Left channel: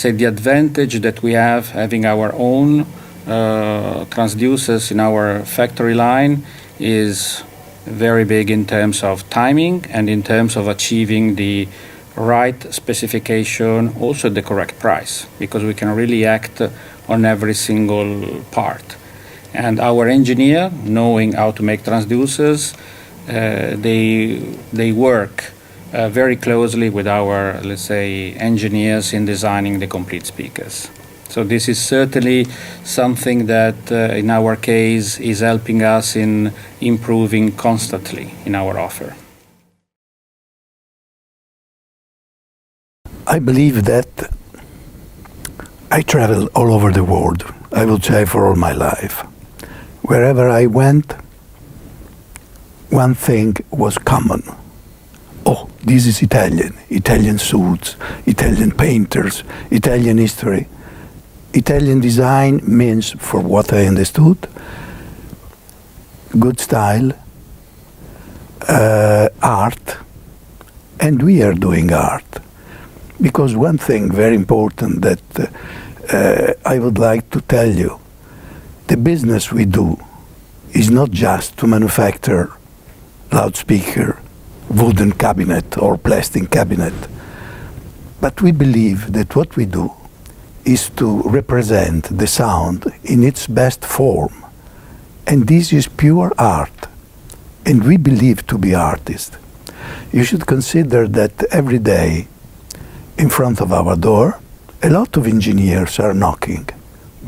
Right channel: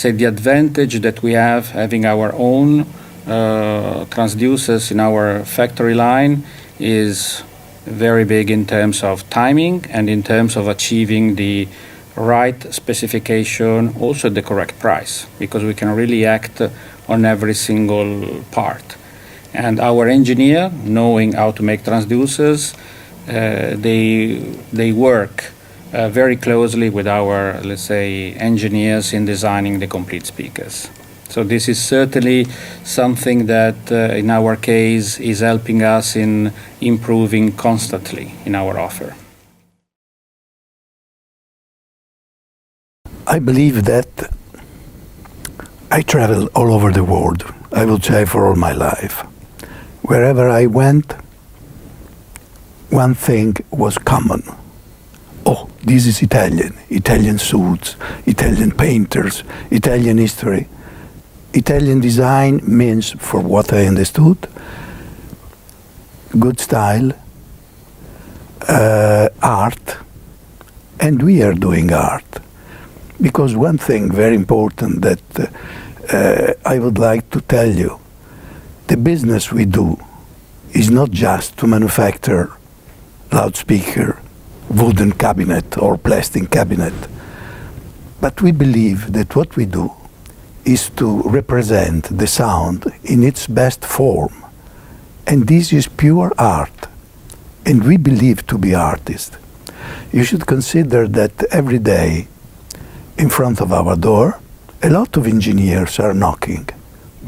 say, the advantage that we have having our own transducers in our factory line is very big in terms of timing and in terms of achieving the right specification, also the correct price, because we can really act on every single part. And our engineer, knowing how to make transducers, they work very closely with our, let's say, engineers in designing the complete speakers. So this is certainly something that, in our case, is helping us in improving constantly in our offer. I believe that I travel all over the world, I would say for all my life. Wherever I went, one thing was common. Oh, this is Italian suits, Italian painters, Italian history. Italian design means, for what I understood, good style, art, and we are doing art. Because one thing very important that I would like to tell you, the business we do is not just to manufacture loudspeaker, wooden cabinet or plastic cabinet, but we believe that what we do is to represent the sound in its best form. And this is pure art. And we believe to be artists. You should consider that every day in front of our door, a lot of engineers are knocking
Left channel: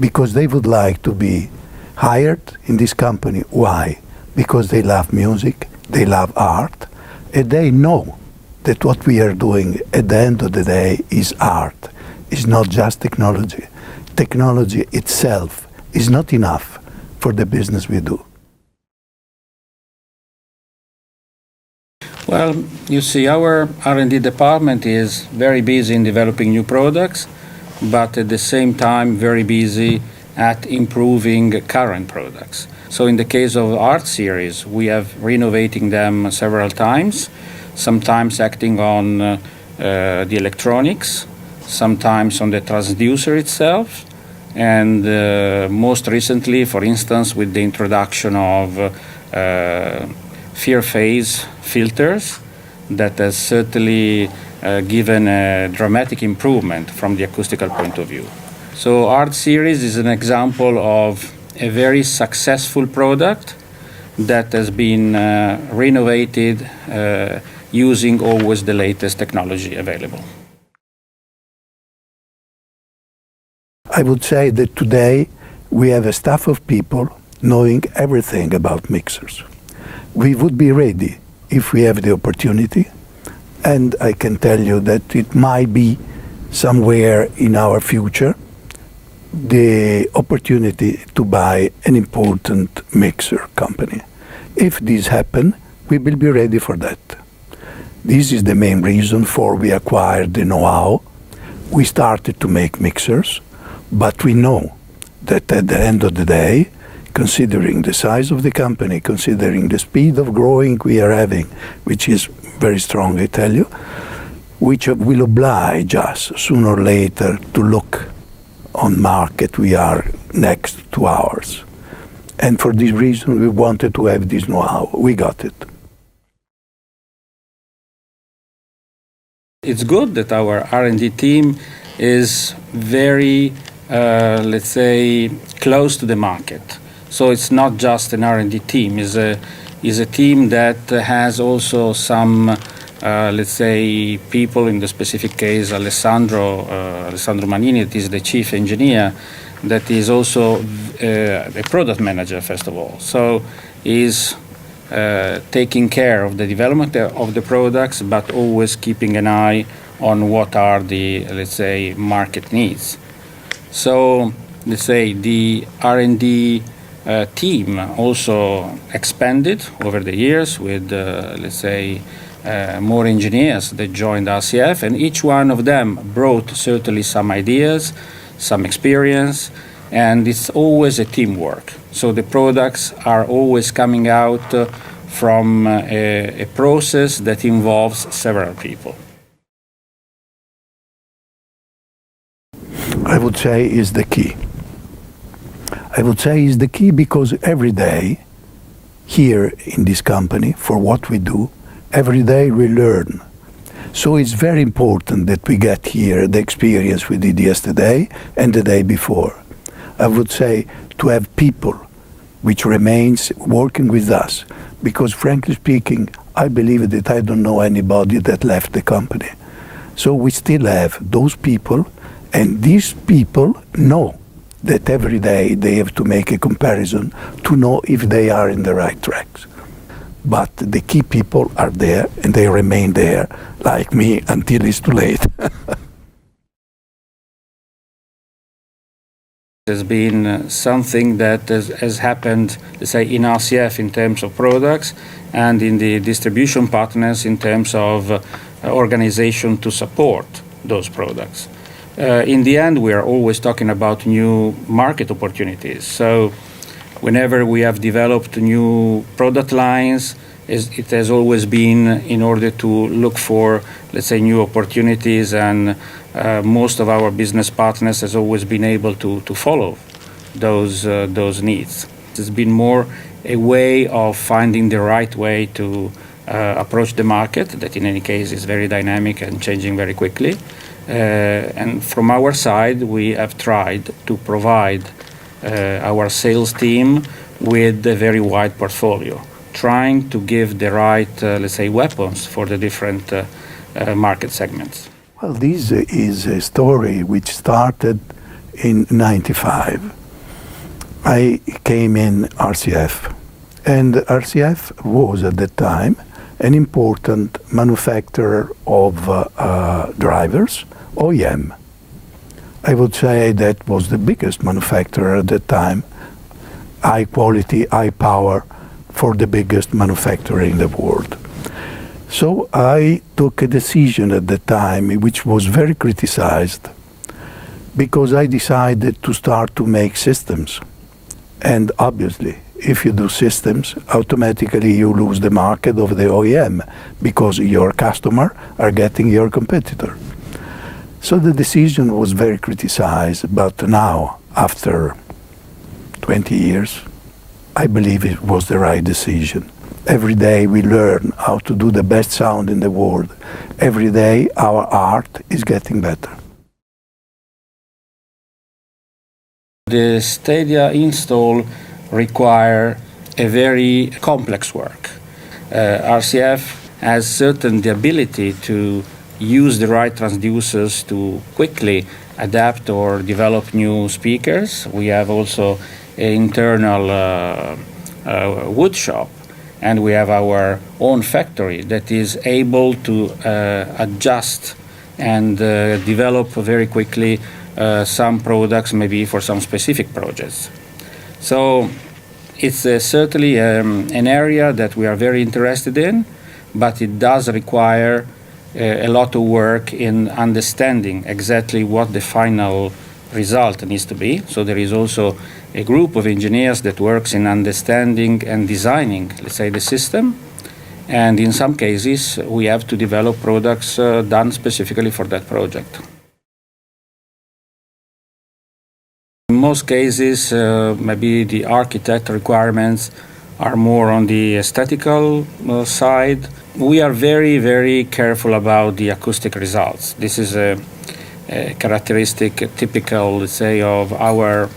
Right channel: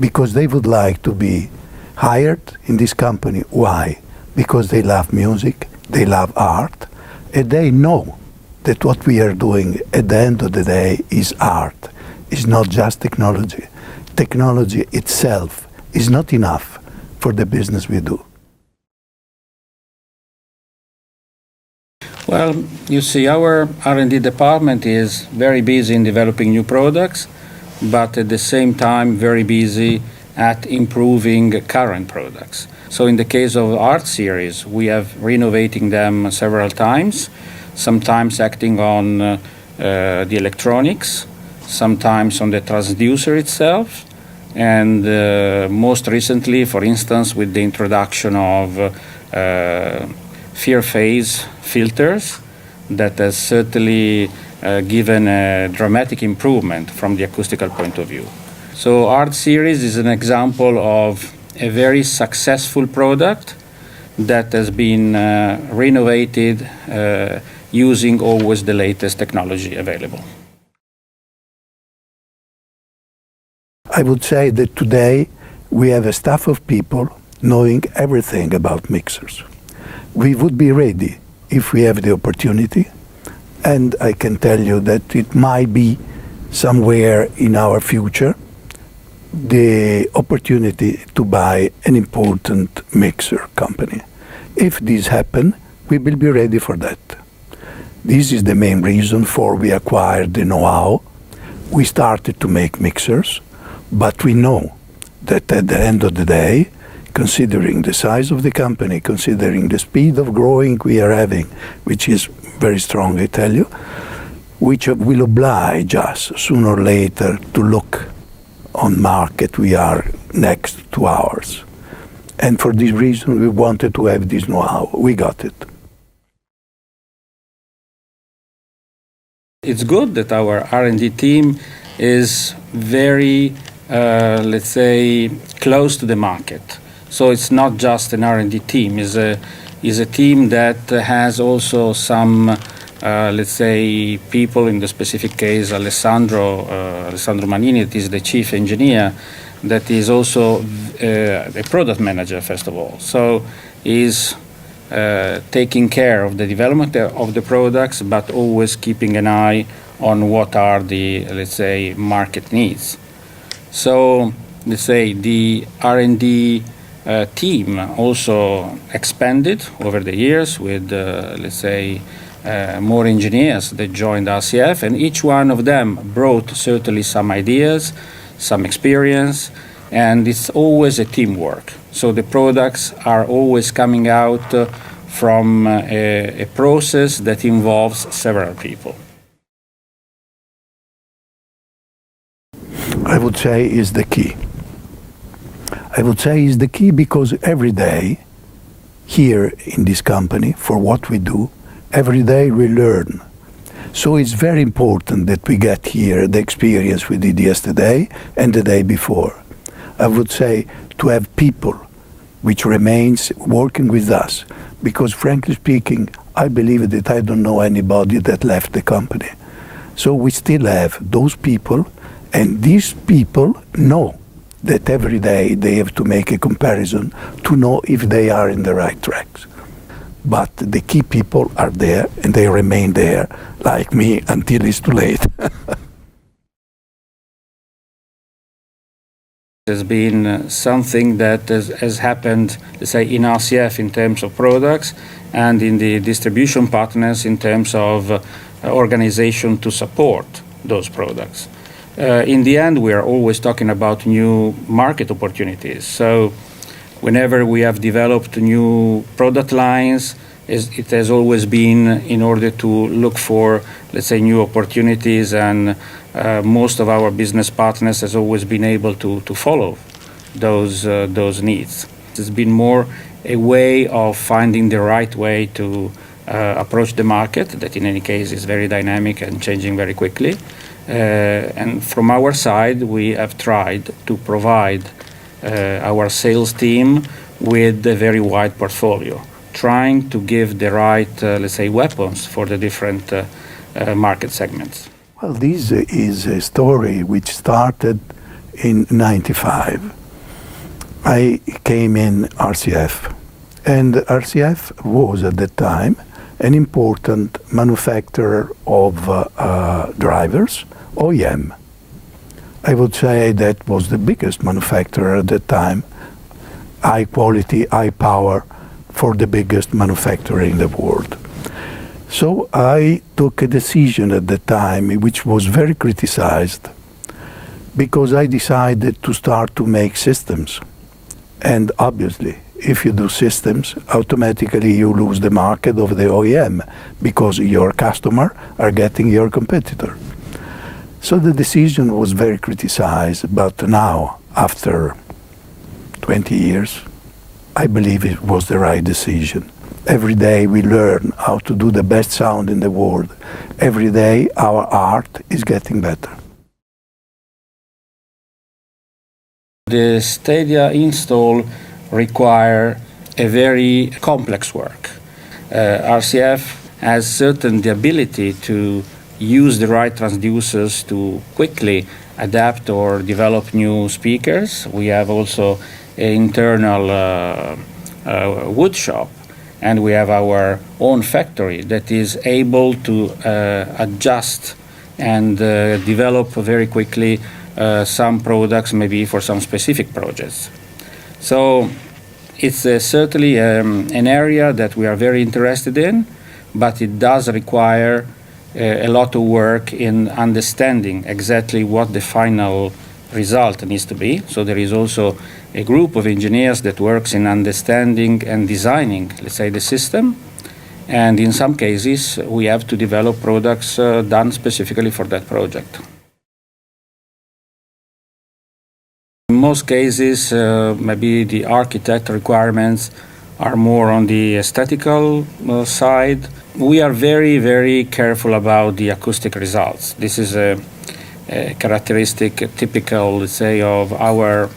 because they would like to be hired in this company. Why? Because they love music, they love art, and they know that what we are doing at the end of the day is art. Is not just technology. Technology itself is not enough for the business we do. Well, you see, our R&D department is very busy in developing new products, but at the same time very busy at improving current products. So in the case of art series, we have renovating them several times, sometimes acting on the electronics, sometimes on the transducer itself, and most recently, for instance, with the introduction of fear phase filters that has certainly given a dramatic improvement from the acoustical point of view. So Art Series is an example of a very successful product that has been renovated using always the latest technology available. I would say that today we have a staff of people knowing everything about mixers. We would be ready if we have the opportunity, and I can tell you that it might be somewhere in our future the opportunity to buy an important mixer company. If this happens, we will be ready for that. This is the main reason for we acquired the know-how. We started to make mixers, but we know that at the end of the day, considering the size of the company, considering the speed of growing we are having, which is very strong, I tell you, which will oblige us sooner or later to look on market we are next to ours. And for this reason, we wanted to have this know-how. We got it. It's good that our R&D team is very, let's say, close to the market. So it's not just an R&D team. It's a team that has also some, let's say, people, in the specific case, Alessandro Manini, that is the chief engineer, that is also a product manager, first of all. So he's taking care of the development of the products, but always keeping an eye on what are the, let's say, market needs. So, let's say, the R&D team also expanded over the years with, let's say, more engineers that joined RCF, and each one of them brought certainly some ideas, some experience, and it's always a teamwork. So the products are always coming out from a process that involves several people. I would say is the key. I would say is the key because every day here in this company, for what we do, every day we learn. So it's very important that we get here the experience we did yesterday and the day before. I would say to have people which remains working with us, because frankly speaking, I believe that I don't know anybody that left the company. So we still have those people, and these people know that every day they have to make a comparison to know if they are in the right tracks. But the key people are there, and they remain there, like me, until it's too late. There's been something that has happened, let's say, in RCF in terms of products and in the distribution partners in terms of organization to support those products. In the end, we are always talking about new market opportunities. So whenever we have developed new product lines, it has always been in order to look for, let's say, new opportunities, and most of our business partners has always been able to follow those needs. It's been more a way of finding the right way to approach the market, that in any case is very dynamic and changing very quickly. And from our side, we have tried to provide our sales team with a very wide portfolio, trying to give the right, let's say, weapons for the different market segments. Well, this is a story which started in '95. I came in RCF, and RCF was at that time an important manufacturer of drivers, OEM. I would say that was the biggest manufacturer at that time, high quality, high power, for the biggest manufacturer in the world. So I took a decision at the time which was very criticized, because I decided to start to make systems. And obviously, if you do systems, automatically you lose the market of the OEM, because your customer are getting your competitor. So the decision was very criticized, but now, after 20 years, I believe it was the right decision. Every day we learn how to do the best sound in the world. Every day our art is getting better. The STADIA install require a very complex work. RCF has certainly the ability to use the right transducers to quickly adapt or develop new speakers. We have also an internal wood shop, and we have our own factory that is able to adjust and develop very quickly some products, maybe for some specific projects. So it's certainly an area that we are very interested in, but it does require a lot of work in understanding exactly what the final result needs to be. So there is also a group of engineers that works in understanding and designing, let's say, the system. And in some cases, we have to develop products done specifically for that project. In most cases, maybe the architect requirements are more on the aesthetical side. We are very, very careful about the acoustic results. This is a characteristic, typical, let's say, of our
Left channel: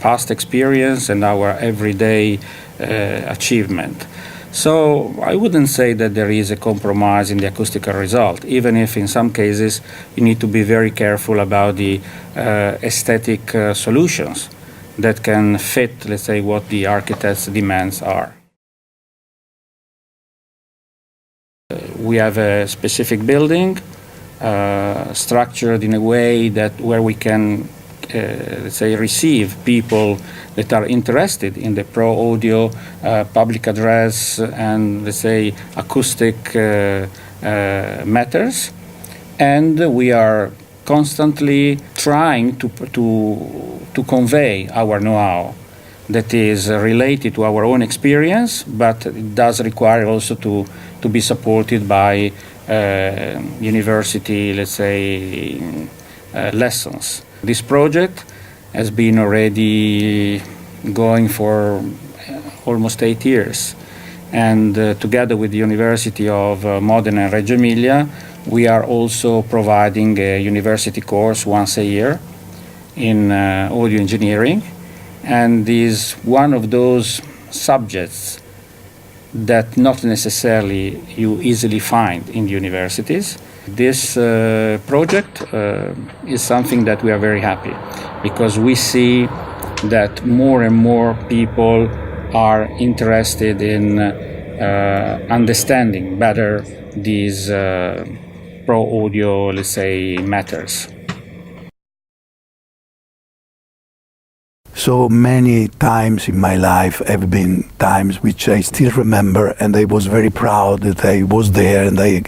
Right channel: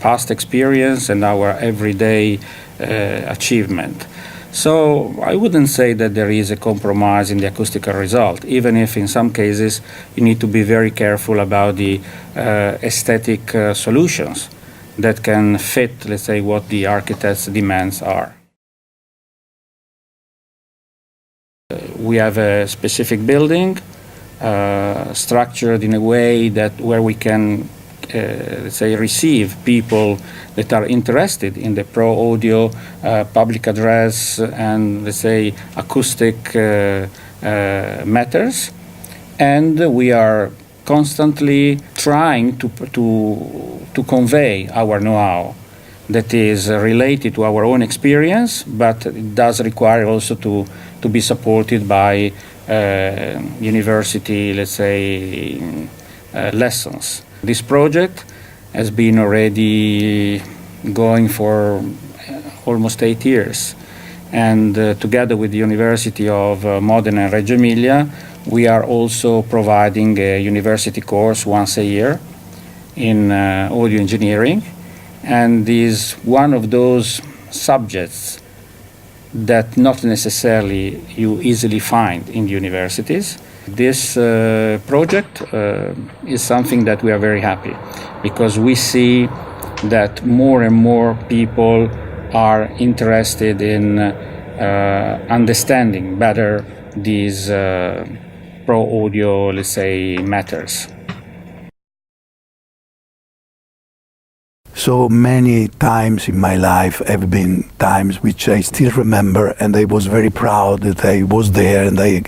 past experience and our everyday achievement. So I wouldn't say that there is a compromise in the acoustical result, even if in some cases you need to be very careful about the aesthetic solutions that can fit, let's say, what the architect's demands are. We have a specific building structured in a way that where we can, let's say, receive people that are interested in the pro audio, public address, and, let's say, acoustic matters. And we are constantly trying to convey our know-how that is related to our own experience, but it does require also to be supported by university, let's say, lessons. This project has been already going for almost 8 years. And together with the University of Modena and Reggio Emilia, we are also providing a university course once a year in audio engineering. And is one of those subjects that not necessarily you easily find in the universities. This project is something that we are very happy, because we see that more and more people are interested in understanding better these pro audio, let's say, matters. So many times in my life have been times which I still remember, and I was very proud that I was there and I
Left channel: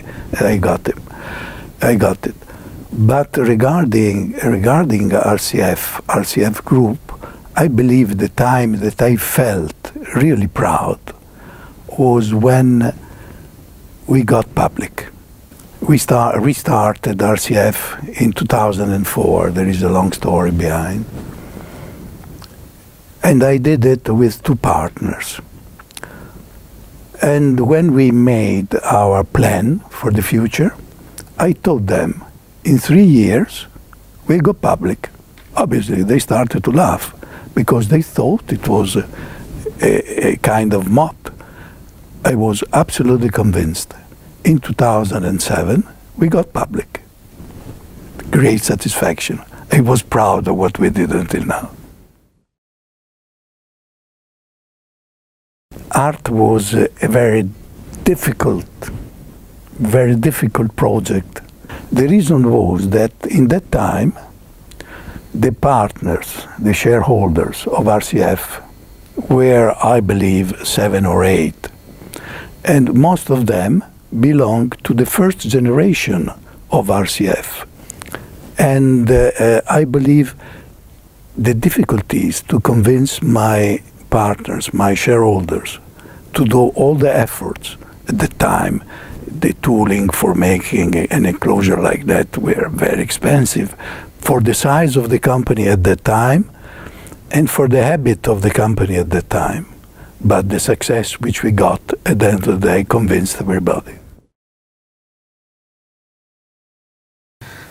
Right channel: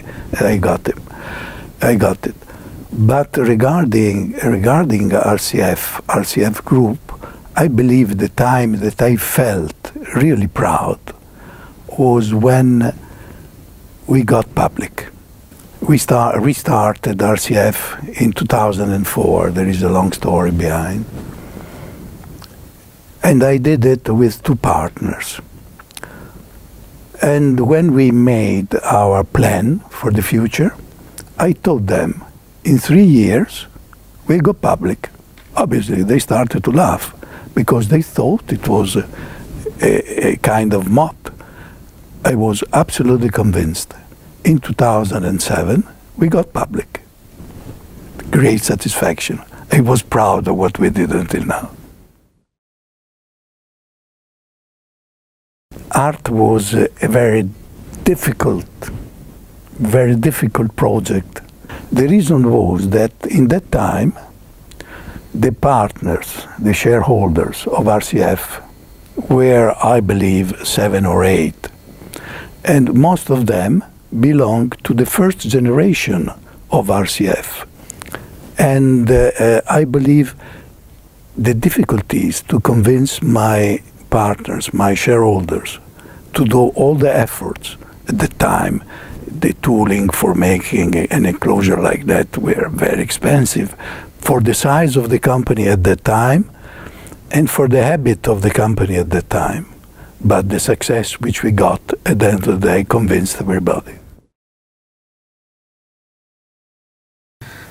got it. But regarding RCF group, I believe the time that I felt really proud was when we got public. We restarted RCF in 2004. There is a long story behind. And I did it with 2 partners. And when we made our plan for the future, I told them, in 3 years, we'll go public. Obviously, they started to laugh, because they thought it was a kind of mop. I was absolutely convinced. In 2007, we got public. Great satisfaction. I was proud of what we did until now. Art was a very difficult project. The reason was that in that time, the partners, the shareholders of RCF were, I believe, 7 or 8. And most of them belonged to the first generation of RCF. And I believe the difficulties to convince my partners, my shareholders, to do all the efforts at the time. The tooling for making an enclosure like that were very expensive for the size of the company at that time and for the habit of the company at that time. But the success which we got at the end of the day convinced everybody.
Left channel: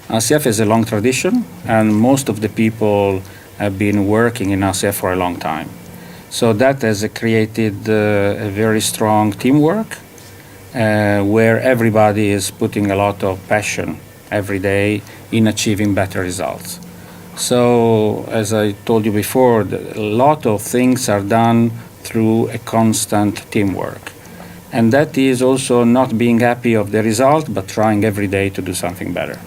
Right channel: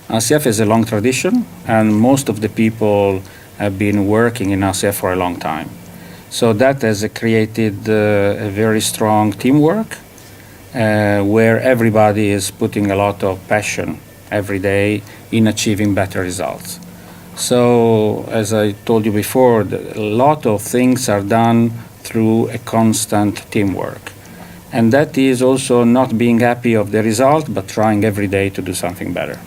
RCF has a long tradition, and most of the people have been working in RCF for a long time. So that has created a very strong teamwork where everybody is putting a lot of passion every day in achieving better results. So, as I told you before, a lot of things are done through a constant teamwork. And that is also not being happy of the result, but trying every day to do something better.